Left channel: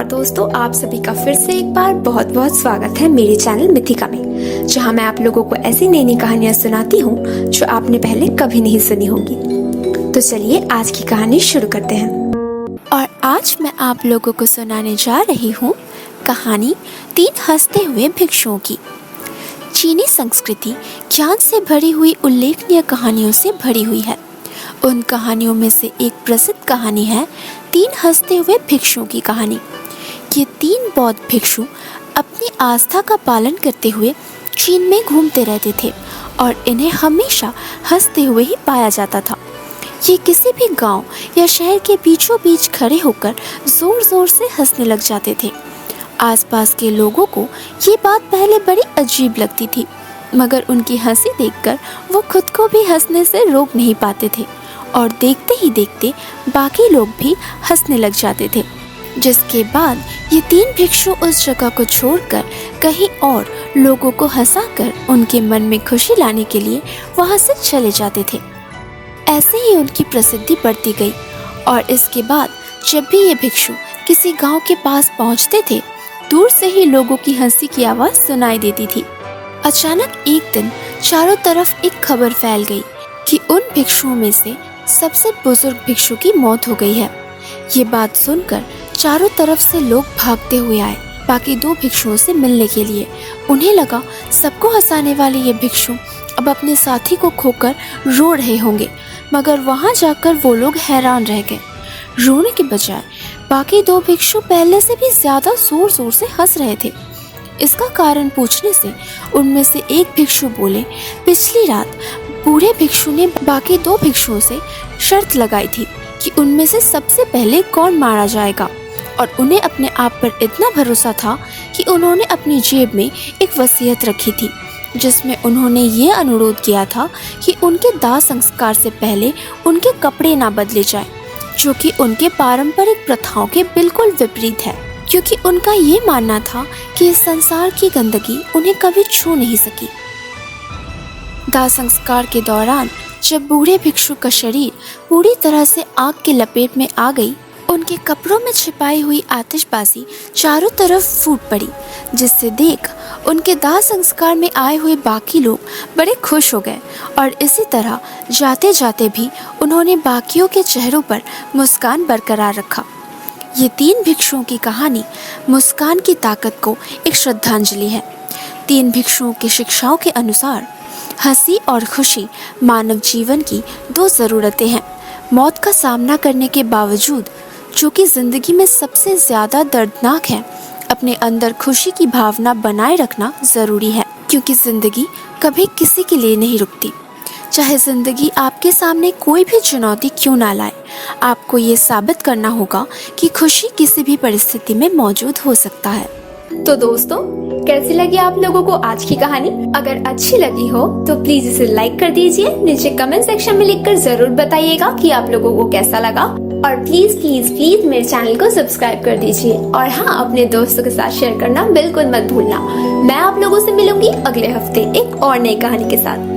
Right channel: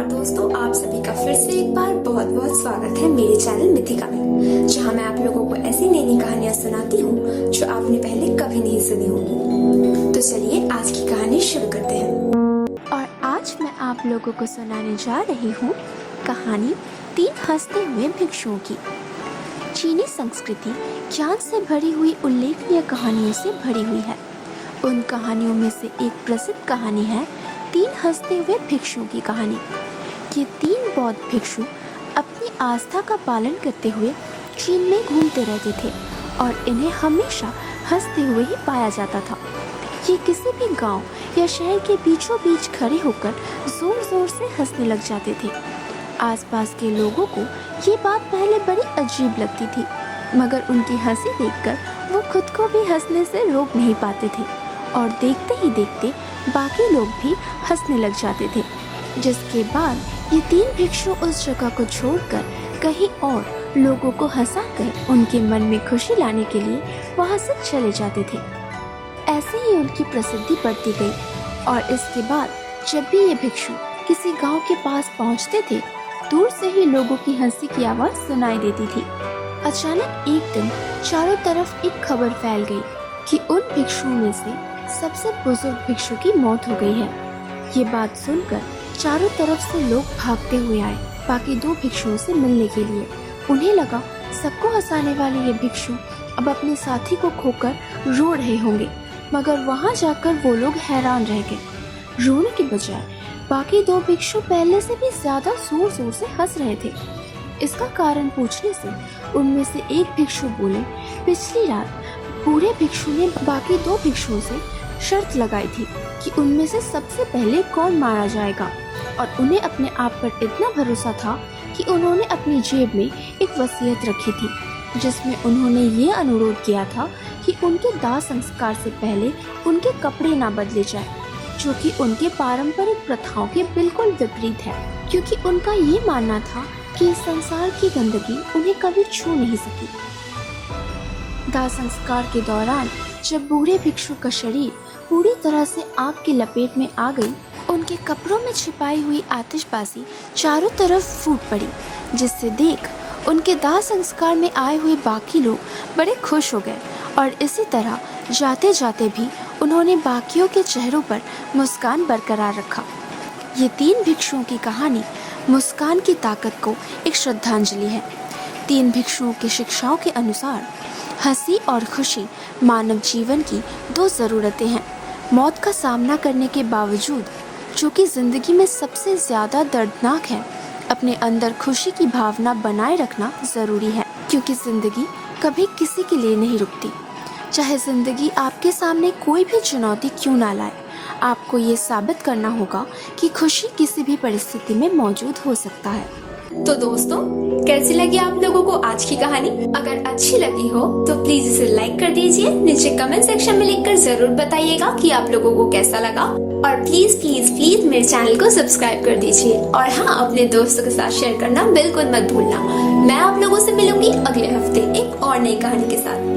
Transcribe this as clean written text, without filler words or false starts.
नमस्कार दोस्तों, आप सभी का फिर से एक बार बहुत बहुत स्वागत है मेरे चैनल मिथिका में, जहां मैं आप लोगों को ऐसी नई नई कहानियां सुनाती हूं जो आपने पहले कभी नहीं सुनी होंगी। तो चलिए आज की कहानी शुरू करते हैं। और आज मैं आप लोगों को सुनाने जा रही हूँ कहानी 3 हंसते हुए भिक्षुओं की। चीनी संस्कृति ज्ञान से भरी हुई उल्लेखनीय कहानियों से भरी हुई है। उन कहानियों में से एक प्रसिद्ध कहानी है 3 हंसते हुए भिक्षुओं की कहानी। ये 3 बौद्ध भिक्षु अपनी आस्था का पालन करते हुए चीन में घूमते रहते थे और इन्हें हमेशा हंसते हुए ही पाया जाता था। ये किसी भी गांव या शहर के बीचों बीच खड़े होकर जोर जोर से हंसने लग जाते थे। आसपास के लोगों को ये बात पहले बड़ी अजीब लगती थी, मगर उनकी हंसी देखकर वो खुद को भी हंसने से रोक नहीं पाते थे और देखते ही देखते बाकी लोग भी हंसने लग जाते थे। जिसके बाद ये 3 भिक्षु उस जगह को छोड़कर कहीं और लोगों को हंसाकर उनके मन में खुशी लाने के लिए वहां से चले जाते थे। ऐसे ही उनकी प्रसिद्धि बढ़ती गई और इसके बाद जब भी ये भिक्षु किसी गांव के पास पहुंचते थे, दूर से ही लोगों की हंसी की आवाज सुनाई देती थी। अचानक एक दिन चारों तरफ एक खबर फैल गई कि उन भिक्षुओं में से सबसे बुजुर्ग भिक्षु की मौत हो गई है। ये बात सुनकर चारों तरफ से लोग भागते हुए आए बाकी 2 भिक्षुओं से मिलने के लिए। उन्हें लगा सबको हंसाने वाले ये भिक्षु अब अपने साथी को खोकर रो रहे होंगे, मगर वहां जाकर वो लोग हैरान रह गए। रोने के बजाय बाकी 2 भिक्षु पहले से भी ज्यादा जोर जोर से हंस रहे थे। इसका कारण पूछने से उनमें से एक भिक्षु बोले, पिछली रात बूढ़े भिक्षु ने बाकी 2 भिक्षुओं से शर्त लगाई थी कि उनमें से सबसे पहले कौन मारा जाएगा, और उन्हें अपने आप पर इतना भरोसा था कि उन्होंने अपनी जेब में एक वसीयत रखी थी जिसमें उन्होंने ये अनुरोध किया था कि उनके दाह संस्कार से पहले उनके कपड़े ना बदले जाए, जो कि उनके पारंपरिक प्रथाओं के बिल्कुल विपरीत है, क्योंकि उनका ये मानना था कि इस संसार की गंदगी उन्हें कभी छू नहीं सकी। दाह संस्कार के दौरान जब बूढ़े भिक्षु का शरीर पूरी तरह से आग की लपेट में आ गई, उनके कपड़ों में छिपाई हुई आतिशबाजी चारों तरफ फूट पड़ी, जिससे देख उनके दाह संस्कार में आए हुए बाकी लोग बड़े खुश हो गए और इसी तरह जाते जाते भी उन्होंने बाकियों के चेहरों पर मुस्कान बरकरार रखा। ये 3 भिक्षुओं की कहानी मुस्कान की ताकत को एक श्रद्धांजलि है। 3 भिक्षुओं की शिक्षाओं के अनुसार हंसी और खुशी मानव जीवन की 2 ज़रूरतें हैं। मौत का सामना करने के बावजूद, जो कि जिंदगी में सबसे ज़्यादा दर्दनाक है, अपने अंदर खुशी की भावना बनाए रखना ज़रूरी है, क्योंकि ज़िंदगी कभी किसी के लिए नहीं रुकती। चाहे ज़िंदगी आपके सामने कोई भी चुनौती क्यों ना लाए, आपको ये साबित करना होगा कि खुशी किसी भी परिस्थिति में मौजूद हो सकता है। तो दोस्तों, कैसी लगी आप लोगों को आज की कहानी? अगर अच्छी लगी हो तो प्लीज इसे लाइक कर दीजिए। नीचे कमेंट सेक्शन में लिखकर जरूर बताइएगा कि आप लोगों को कैसा लगा, और प्लीज प्लीज प्लीज मेरे चैनल को सब्सक्राइब कर दीजिए। और हाँ, अपने दोस्तों के साथ शेयर करना बिल्कुल मत भूलना। मैं आप लोगों से मिलूंगी अगले हफ्ते एक और नई कहानी के साथ।